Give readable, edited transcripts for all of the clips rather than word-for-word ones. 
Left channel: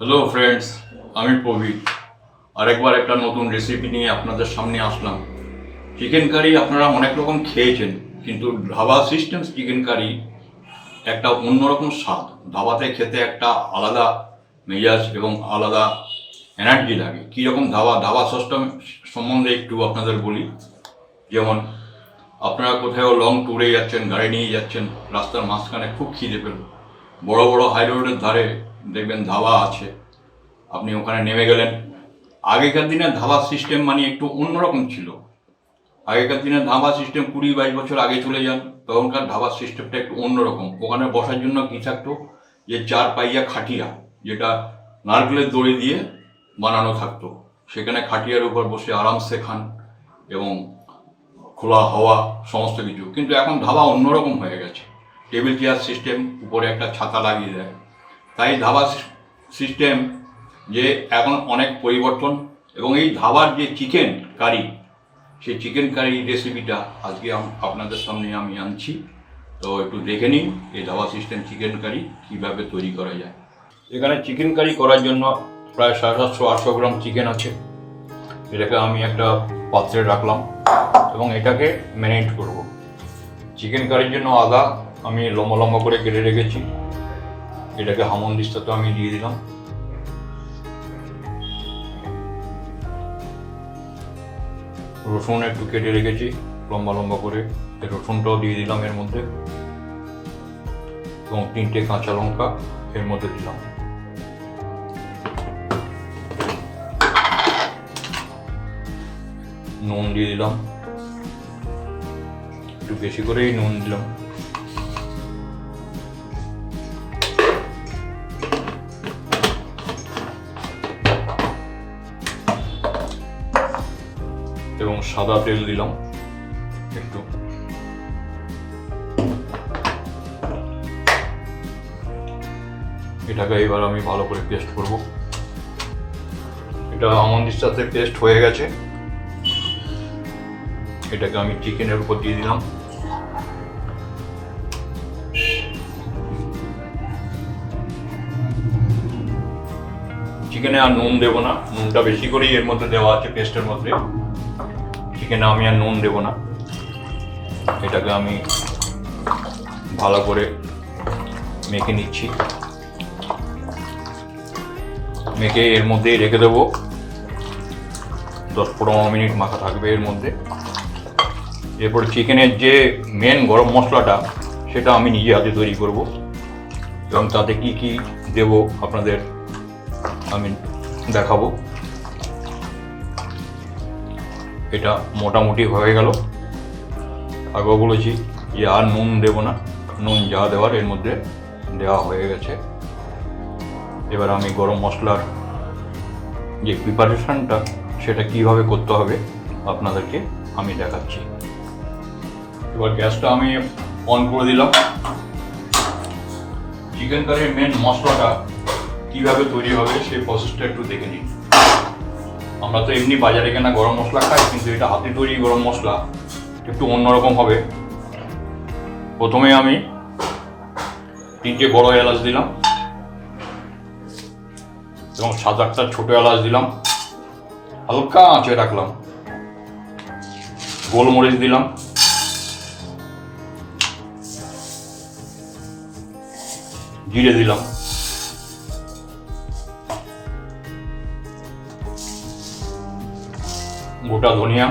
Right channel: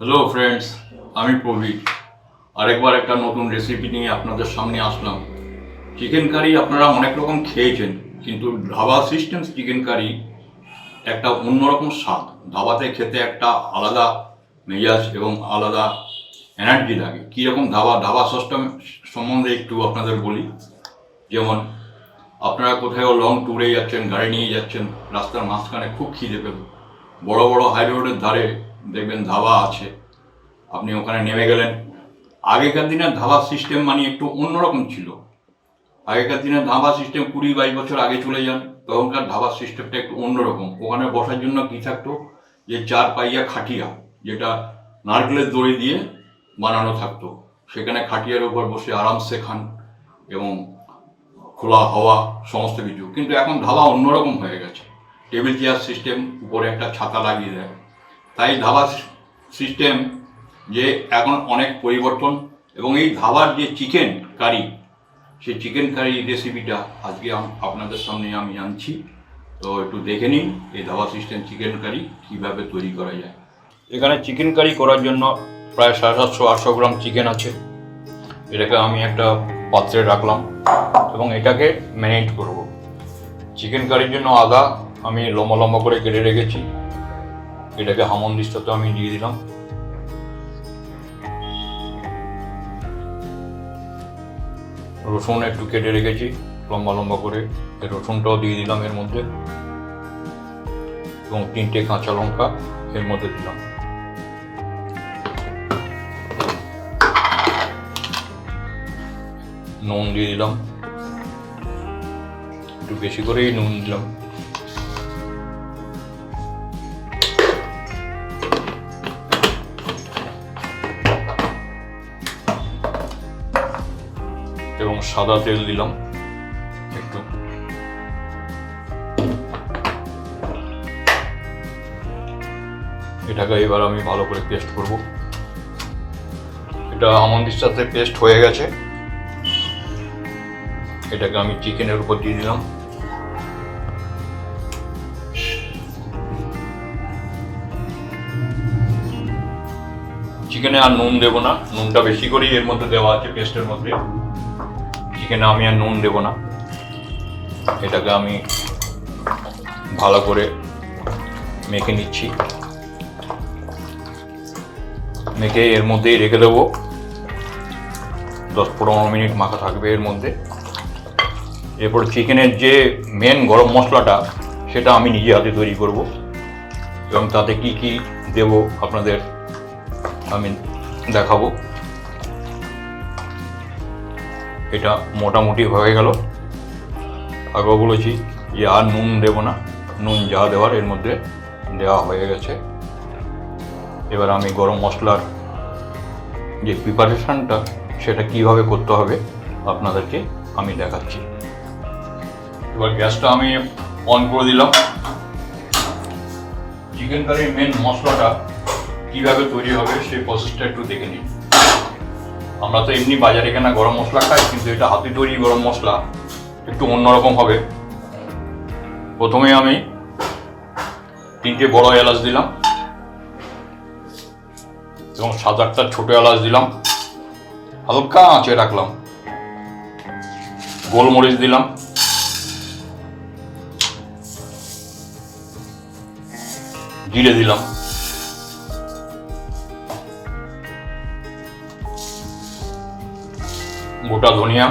Hello friends, আমি প্রবীর। আরেকবার একটা নতুন রেসিপি নিয়ে আপনাদের সামনে আসলাম। চিকেন কারি আপনারা অনেক রকম খেয়েছেন, কিন্তু ধাবা সিস্টেম চিকেন কারি একটা অন্যরকম স্বাদ। ধাবাতে খেতে একটা আলাদা মেজাজ এবং আলাদা এনার্জি লাগে। কীরকম ধাবা সিস্টেম সম্বন্ধে একটু আপনাদের বলি। যেমন আপনারা কোথাও লং ট্যুরে যাচ্ছেন, গাড়ি নিয়ে যাচ্ছেন, রাস্তার মাঝখানে খুব খিদে পেল, বড় বড় হাই রোডের ধারে দেখবেন ধাবা আছে, আপনি ওখানে নেমে গেলেন। আগেকার দিনের ধাবা সিস্টেম মানে একটু অন্যরকম ছিল। আগেকার দিনের ধাবা সিস্টেম 20-22 বছর আগে চলে যান, তখনকার ধাবা সিস্টেমটা একটু অন্যরকম। ওখানে বসার জন্য কী থাকতো, যে 4 পাইয়া খাটিয়া, যেটা নারকেলের দড়ি দিয়ে বানানো থাকতো, সেখানে খাটিয়ার উপর বসে আরামসে খান এবং খোলা হাওয়া সমস্ত কিছু। কিন্তু এখন ধাবা অন্যরকম হয়ে গেছে, টেবিল চেয়ার সিস্টেম, উপরে একটা ছাতা লাগিয়ে দেয়। তাই ধাবা সিস্টেম যে এখন অনেক পরিবর্তন। এবং এই ধাবার যে চিকেন কারি, সেই চিকেন কারি রেসিপিটা আজকে আপনাদের সামনে আমি আনছি। তো একটু দেখে নিন এই ধাবা সিস্টেম চিকেন কারি কীভাবে তৈরি করা যায়। এখানে চিকেন কারি করার জন্য প্রায় 750-800 গ্রাম চিকেন আছে। এটাকে আমি একটা পাত্রে রাখলাম এবং এটাকে ম্যারিনেট করব। চিকেন কারির জন্য আদা আমি লম্বা লম্বা করে কেটে রেখেছি, এটাকে হামনদিস্তাতে আমি দিয়ে দিলাম। রসুন একটু কেটে রেখেছি লম্বা লম্বা করে, এই রসুনটাও দিয়ে দিলাম এর মধ্যে, এবং 3টে কাঁচা লঙ্কা এর মধ্যে দিলাম। নুন দিয়ে দিলাম, একটু বেশি করেই নুন দিলাম। এবং সাদা তেল দিলাম একটু। এটাকে এবার আমি ভালো করে পেস্ট করব। এটা আমন্দির সাথে পেস্ট হয়ে গেছে, এটাকে আমি চিকেনের উপর দিয়ে দিলাম। চিকেনে আর নুন দেবো না, নুনটা বেশি করেই এর মধ্যে দেওয়া আছে পেস্টের মধ্যে। চিকেনে আমি আর নুন দেবো না। এটাকে আমি ভালো করে মেখে নিচ্ছি, মেখে এর মধ্যেই রেখে দেবো। 10-15 মিনিট মাখা থাকবে এর মধ্যে। এরপর চিকেনের যে মেন গরম মশলাটা, সেটা আমি নিজে হাতে তৈরি করব এবং তাতে কি কি দেব আপনাদের আমি দেখাবো। এটা মোটামুটি হয়ে গেল। আগেও বলেছি যে আর নুন দেব না, নুন যা দেওয়ার এর মধ্যে দেওয়া হয়ে গেছে। এবার আমি গরম মশলার যে প্রিপারেশনটা, সেটা কিভাবে করতে হবে আপনাদেরকে আমি দেখাচ্ছি। এবার গ্যাসটা আমি অন করে দিলাম। চিকেন কারির মেন মশলাটা কিভাবে তৈরি হবে সেই প্রসেসটা একটু দেখে নিন। আমরা তো এমনি বাজারে কেনা গরম মশলা খাই, কিন্তু এটা হাতে তৈরি গরম মশলা একটু অন্যরকম হবে। প্রথমে আমি 3টে বড় এলাচ দিলাম এবং 7-8টা ছোট এলাচ দিলাম, হালকা আঁচে রাখলাম। গোলমরিচ দিলাম, জিরে দিলাম, গোটা ধনিয়া,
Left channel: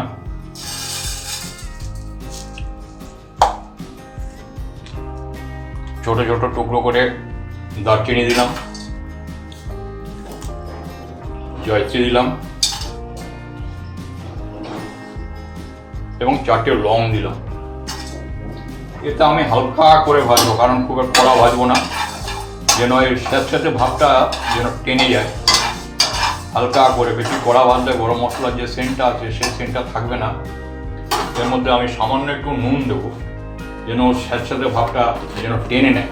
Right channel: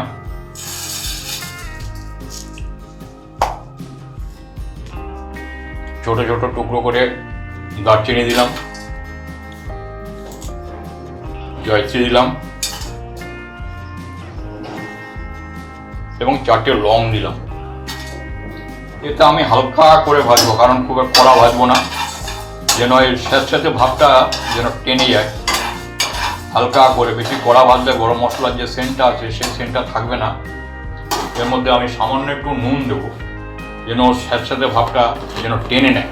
ছোট ছোট টুকরো করে দারচিনি দিলাম, জয়ত্রী দিলাম এবং 4টে লং দিলাম। এটা আমি হালকা করে ভাজবো, কারণ খুব কড়া ভাজবো না, যেন এর সাথে ভাবটা যেন টেনে যায়। হালকা করে, বেশি কড়া ভাজলে গরম মশলার যে সেন্টটা আছে সেই সেন্টটা থাকবে না। এর মধ্যে আমি সামান্য একটু নুন দেবো, যেন ওর সাথে ভাবটা যেন টেনে নেয়।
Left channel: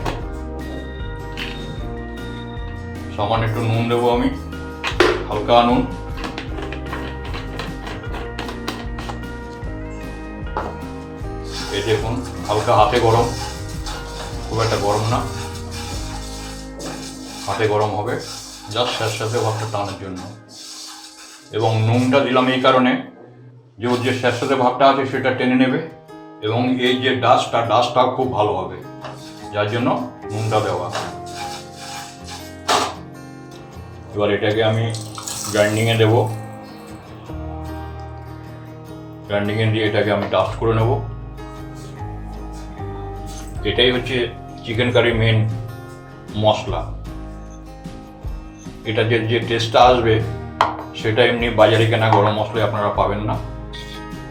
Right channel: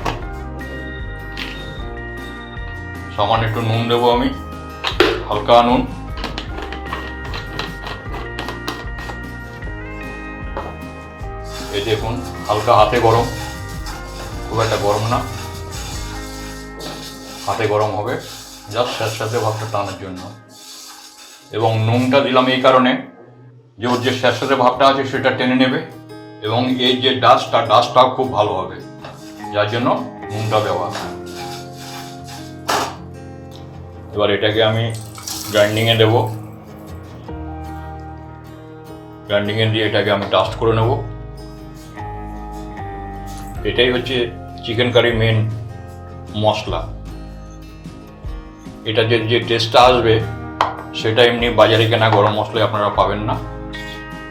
সামান্য একটু নুন দেবো আমি, হালকা নুন। এই দেখুন হালকা হাতে গরম, খুব একটা গরম না, হাতে গরম হবে জাস্ট স্যাঁতস্যাঁতে ভাবটা টানার জন্য। এবং নুনটা দিলাম এই কারণে যে ওর যে স্যাঁতস্যাঁতে ভাবটা আছে সেটা টেনে নেবে এবং এই যে ডাস্টটাও খুব ভালো হবে, যার জন্য নুনটা দেওয়া। এবার এটাকে আমি গ্রাইন্ডিংয়ে দেবো, গ্রাইন্ডিংয়ে দিয়ে এটাকে আমি ডাস্ট করে নেব। এটাই হচ্ছে চিকেন কারি মেন মশলা। এটাতে যে টেস্টটা আসবে সেটা এমনি বাজারে কেনা গরম মশলায় আপনারা পাবেন না।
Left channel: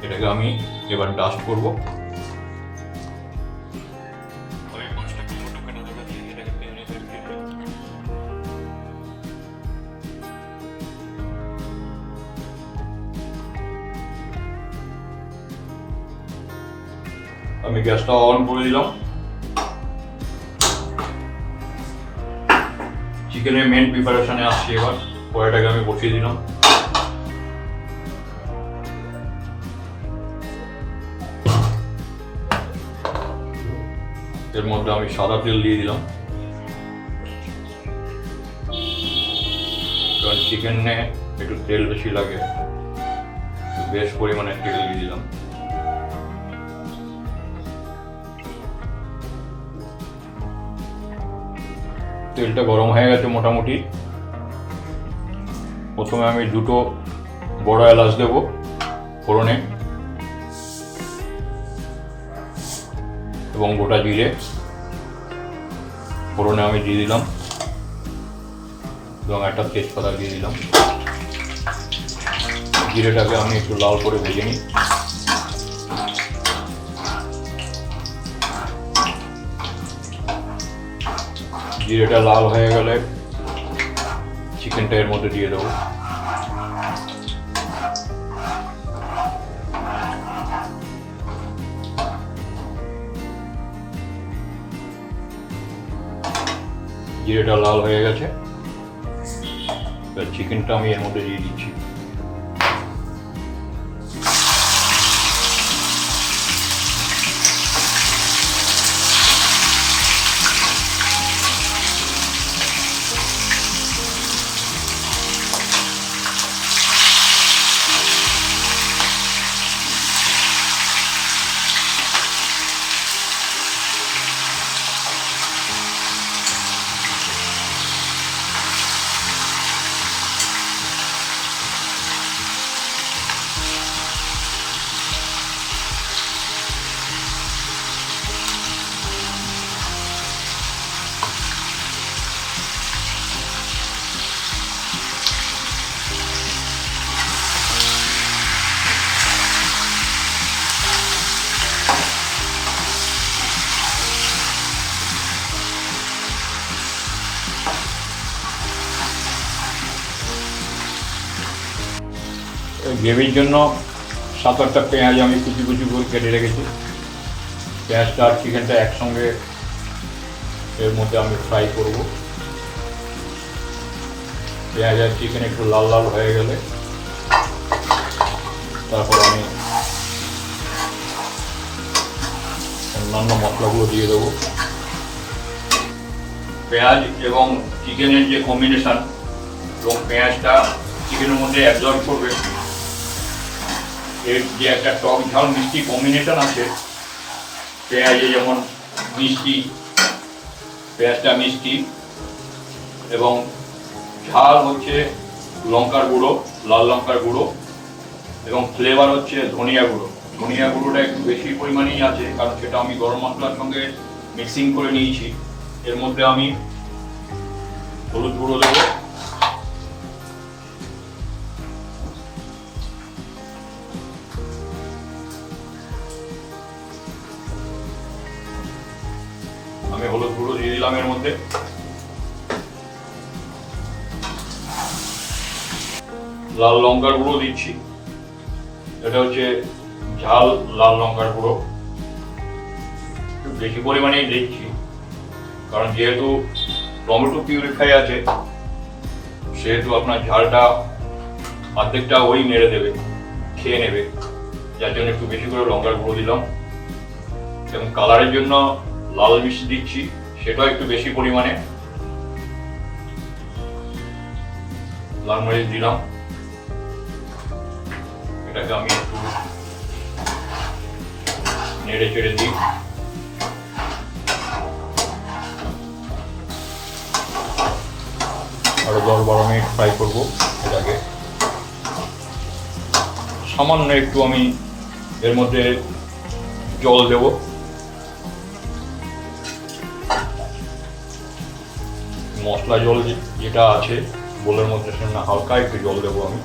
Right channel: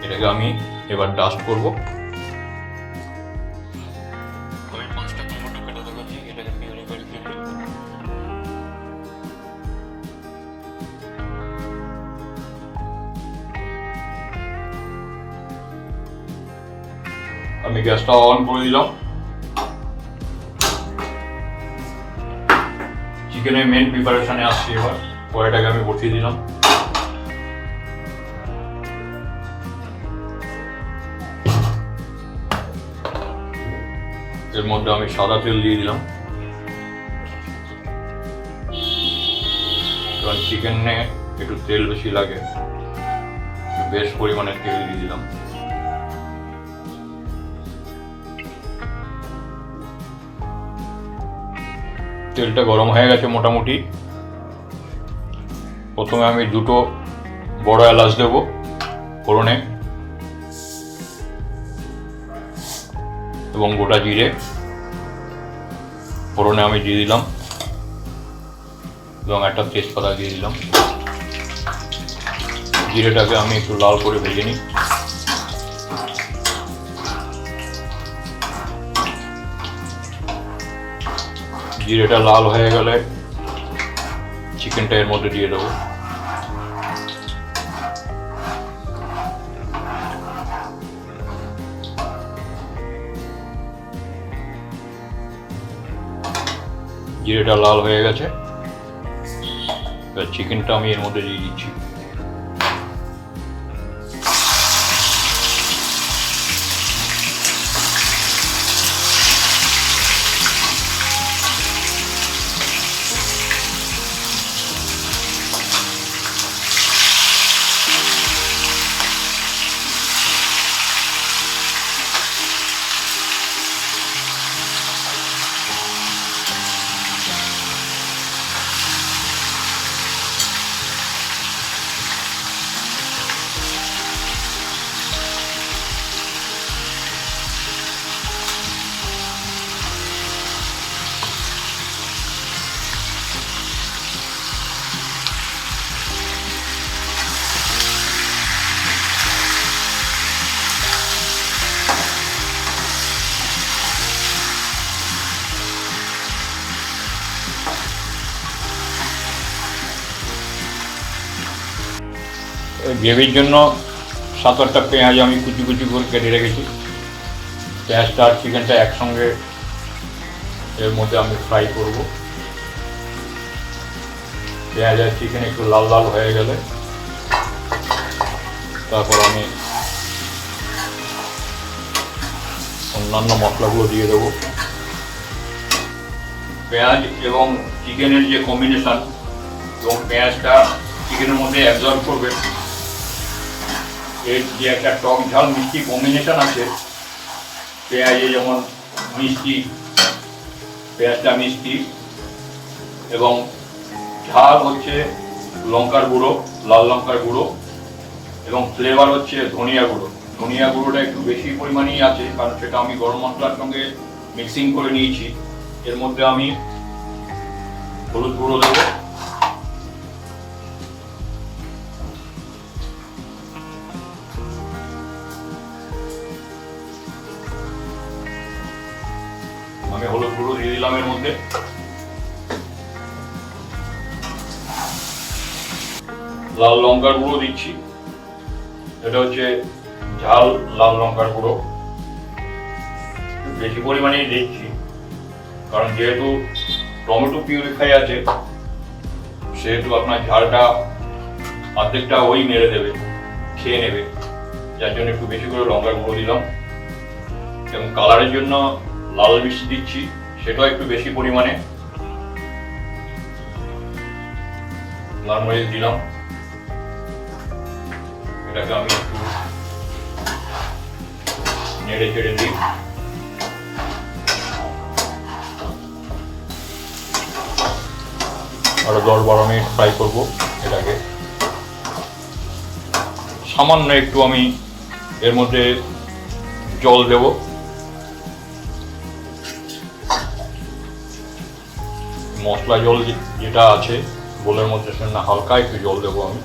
এটাকে আমি এবার ডাস্ট করব। আমি গ্যাসটা অন করে দিলাম। চিকেনের মেন প্রিপারেশনে আসছি এবার। কড়াইটাকে আমি বসিয়ে দিলাম। এর মধ্যে আমি সাদা তেল দিয়ে দিলাম, কারণ চিকেনে একটু তেল বেশি লাগে, বেশ পরিমাণে তেল দিয়ে দিলাম। তেলটা গরম হয়ে গেছে মোটামুটি। প্রথমে আমি দুটো বড় এলাচ দেবো ফোড়নে এবং গোটা জিরে ফোড়নে আমি দিয়ে দিলাম এবং একটা তেজপাতা দিয়ে দিলাম। জিরেটাকে আমি একটু লাল করে ভেজে নিই। জিরেটা লাল হয়ে গেলে চিকেনটা এর মধ্যে দিয়ে দেবো। জিরেটা লাল হয়ে গেছে, চিকেনটা আমি এর মধ্যে দিয়ে দিচ্ছি। গ্রেভির জন্য 7-8টা পেঁয়াজ আমি কুচি কুচি করে কেটে রেখেছি। পেঁয়াজটা আর চিকেনটা একসঙ্গে এর মধ্যে আমি ফ্রাই করব। পেঁয়াজ আর চিকেন একটু লাল লাল হয়ে গেলে তারপর আমি অন্যান্য মশলাগুলো দিয়ে দেবো। পেঁয়াজ এবং চিকেনের যে কম্বিনেশন এবং পেঁয়াজটা চিকেনের মধ্যে অ্যাবজর্ব করবে, এর যে একটা টক ঝাল মিষ্টি কম্বিনেশন আছে, পেঁয়াজে যেমন মিষ্টি, পেঁয়াজটা মিষ্টি এবং ঝাল হচ্ছে লঙ্কার গুঁড়ো, লাল লঙ্কার গুঁড়ো এবং ফ্লেভার হচ্ছে ধনিয়া গুঁড়ো। ধনিয়া গুঁড়োটা একটু বেশি পরিমাণেই আছে, কারণ সেটা আমি গরম মশলার সঙ্গে মিক্সিং করে নিয়েছি। এর মধ্যে আমি হলুদ গুঁড়ো দেবো, আমি হলুদ গুঁড়ো দিয়ে দিলাম এর মধ্যে। লাল লঙ্কার গুঁড়ো দিচ্ছি, এটা হচ্ছে ঝাল লাল লঙ্কার গুঁড়ো, বেশি পরিমাণেই দিচ্ছি কারণ যেহেতু টমেটো পিউরিফাই আছে সেহেতু আপনার ঝালটা অর্ধেকটা ওই মেরে দেবে, খেয়ে নেবে, যার জন্য একটু বেশি করে লঙ্কার গুঁড়ো দিলাম। এবং কালারের জন্য লাল মিষ্টি দিচ্ছি, সেটাও একটু বেশি পরিমাণে। লাল মরিচ দিলাম, এটাকে আমি একটু নেড়ে চেড়ে দিই। আরো 10-12 মিনিট ফ্রাই করবো এটাকে। সামান্য একটু আমি এর মধ্যে জল দেব, মশলা জল যেটা আছে বোলের মধ্যে সেটা হালকা একটু জল দেবো আমি।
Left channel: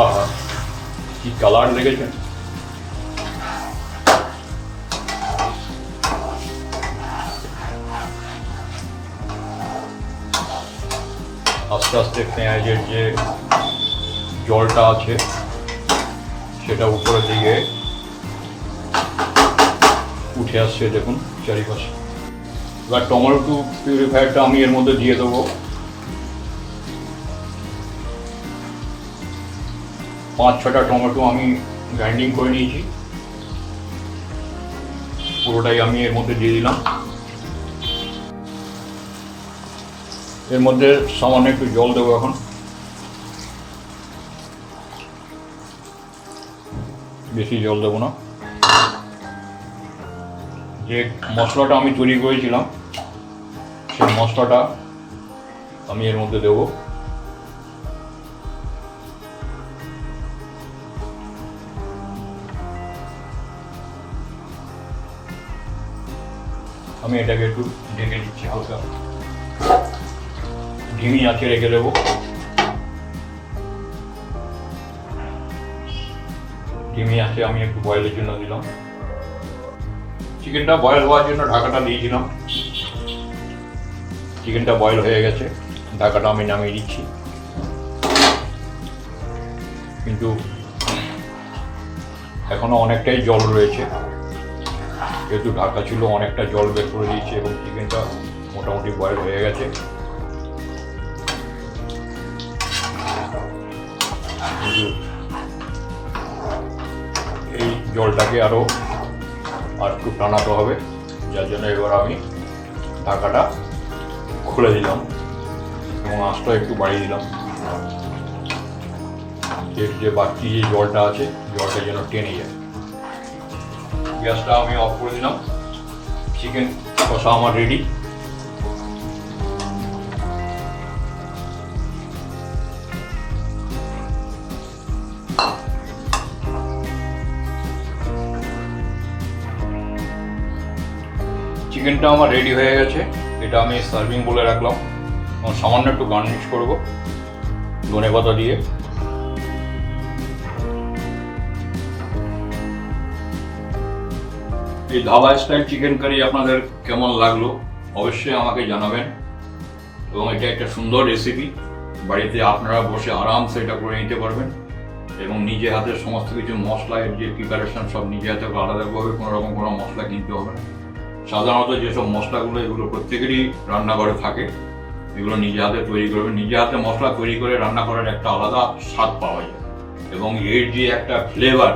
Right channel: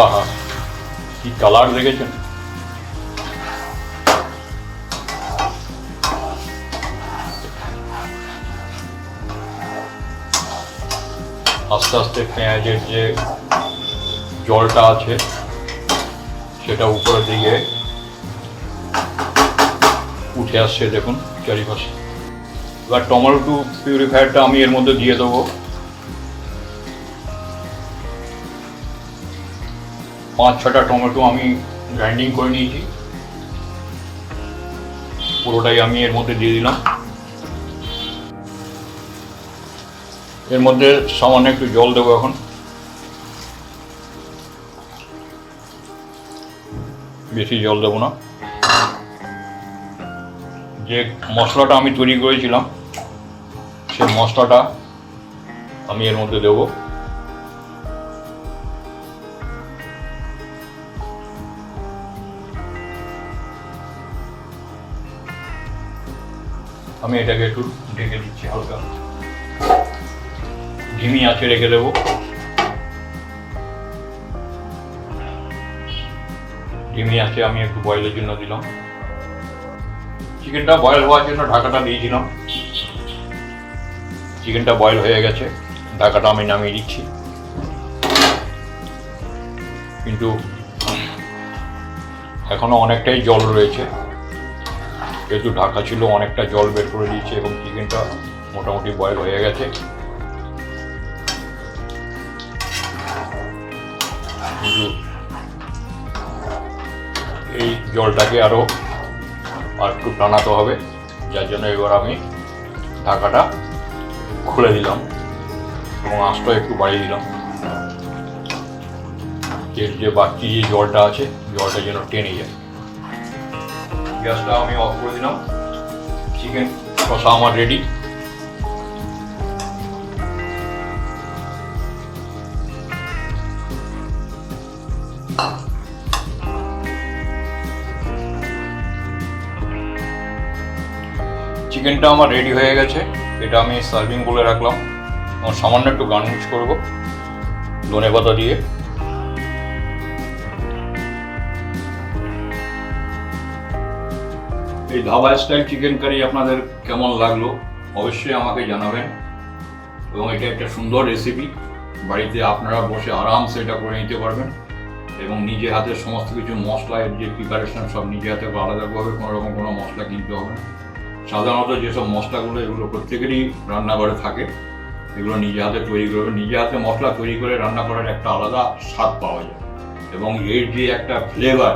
আহা, কি কালার দেখেছেন! আস্তে আস্তে পেঁয়াজের যে জলটা আছে সেটা উপরের দিকে উঠে আসছে, দেখুন চারিপাশে। এবার টমেটো পিউরিফায়ারটা আমি এর মধ্যে দিয়ে দেবো। 5-6টা টমেটো আমি গ্রাইন্ডিং করে নিয়েছি, পুরোটাই আমি এর মধ্যে দিয়ে দিলাম। এর মধ্যে সামান্য একটু জল দেবো এখন, বেশি জল দেবো না। যে মশলাটা আমি তৈরি করেছিলাম সেই মশলাটা আমি এর মধ্যে দেবো। আমি এটাকে একটু ঢেকে দিচ্ছি, হালকা ধিমি আঁচে রেখে দেবো। ধিমি আঁচে আমি একটু বয়েলের জন্য দিলাম। চিকেনটা বয়েল হওয়ার জন্য ঢাকাটা দিয়েছিলাম। চিকেনটা বয়েল হয়ে গেছে, ঢাকাটা আমি নামিয়ে দিচ্ছি। কিন্তু এখনো অনেকটাই জল রয়েছে, যেহেতু ঢাকা ছিল অনেকটা জল বের করে দিয়েছে এবং চিকেনটা মোটামুটি বয়েল হয়ে গেছে। কিন্তু এই জলটাকে আরো একটু টানাতে হবে, যার জন্য এবার আমি ঢাকাটা খুলে দিলাম এবং আঁচটা একটু বাড়িয়ে দিলাম। এর যে বাড়তি যে জলটা আছে জলটা যেন টেনে যায়। গ্যাসটা আমি অফ করে দিলাম। চিকেন কষা আমার রেডি। চিকেনটা আমার রেডি হয়ে গেছে, এটা আমি সার্ভিং বলে রাখলাম। সামান্য একটু গার্নিশ করবো ধনেপাতা দিয়ে। এই ধাবা স্টাইল চিকেন কারি আপনাদের কেমন লাগলো অবশ্যই আমাকে জানাবেন। এবং এটা একটা সুন্দর রেসিপি, বাড়িতে আপনারা বসে আরামসে এটা করে নিতে পারবেন এবং নিজে হাতে সমস্ত কিছু মশলার যে প্রিপারেশন সব নিজে হাতে আলাদাভাবে কোনো রকম কোনো মশলা কিনতে হবে না। সাধারণত যেসব মশলাগুলো এগুলো প্রত্যেকেরই রান্নাঘরে থাকে, এগুলো নিজে হাতে তৈরি করবেন। নিজে হাতে মশলা তৈরি করে রান্না করার একটা আলাদা স্বাদ পাওয়া যায় এবং এর যে একটা ফ্লেভার,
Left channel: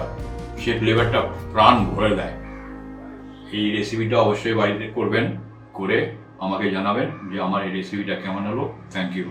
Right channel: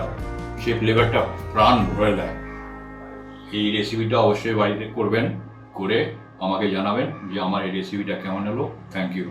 সেই ফ্লেভারটা প্রাণ ভরে দেয়। এই রেসিপিটা অবশ্যই বাড়িতে করবেন, করে আমাকে জানাবেন যে আমার এই রেসিপিটা কেমন হলো। Thank you.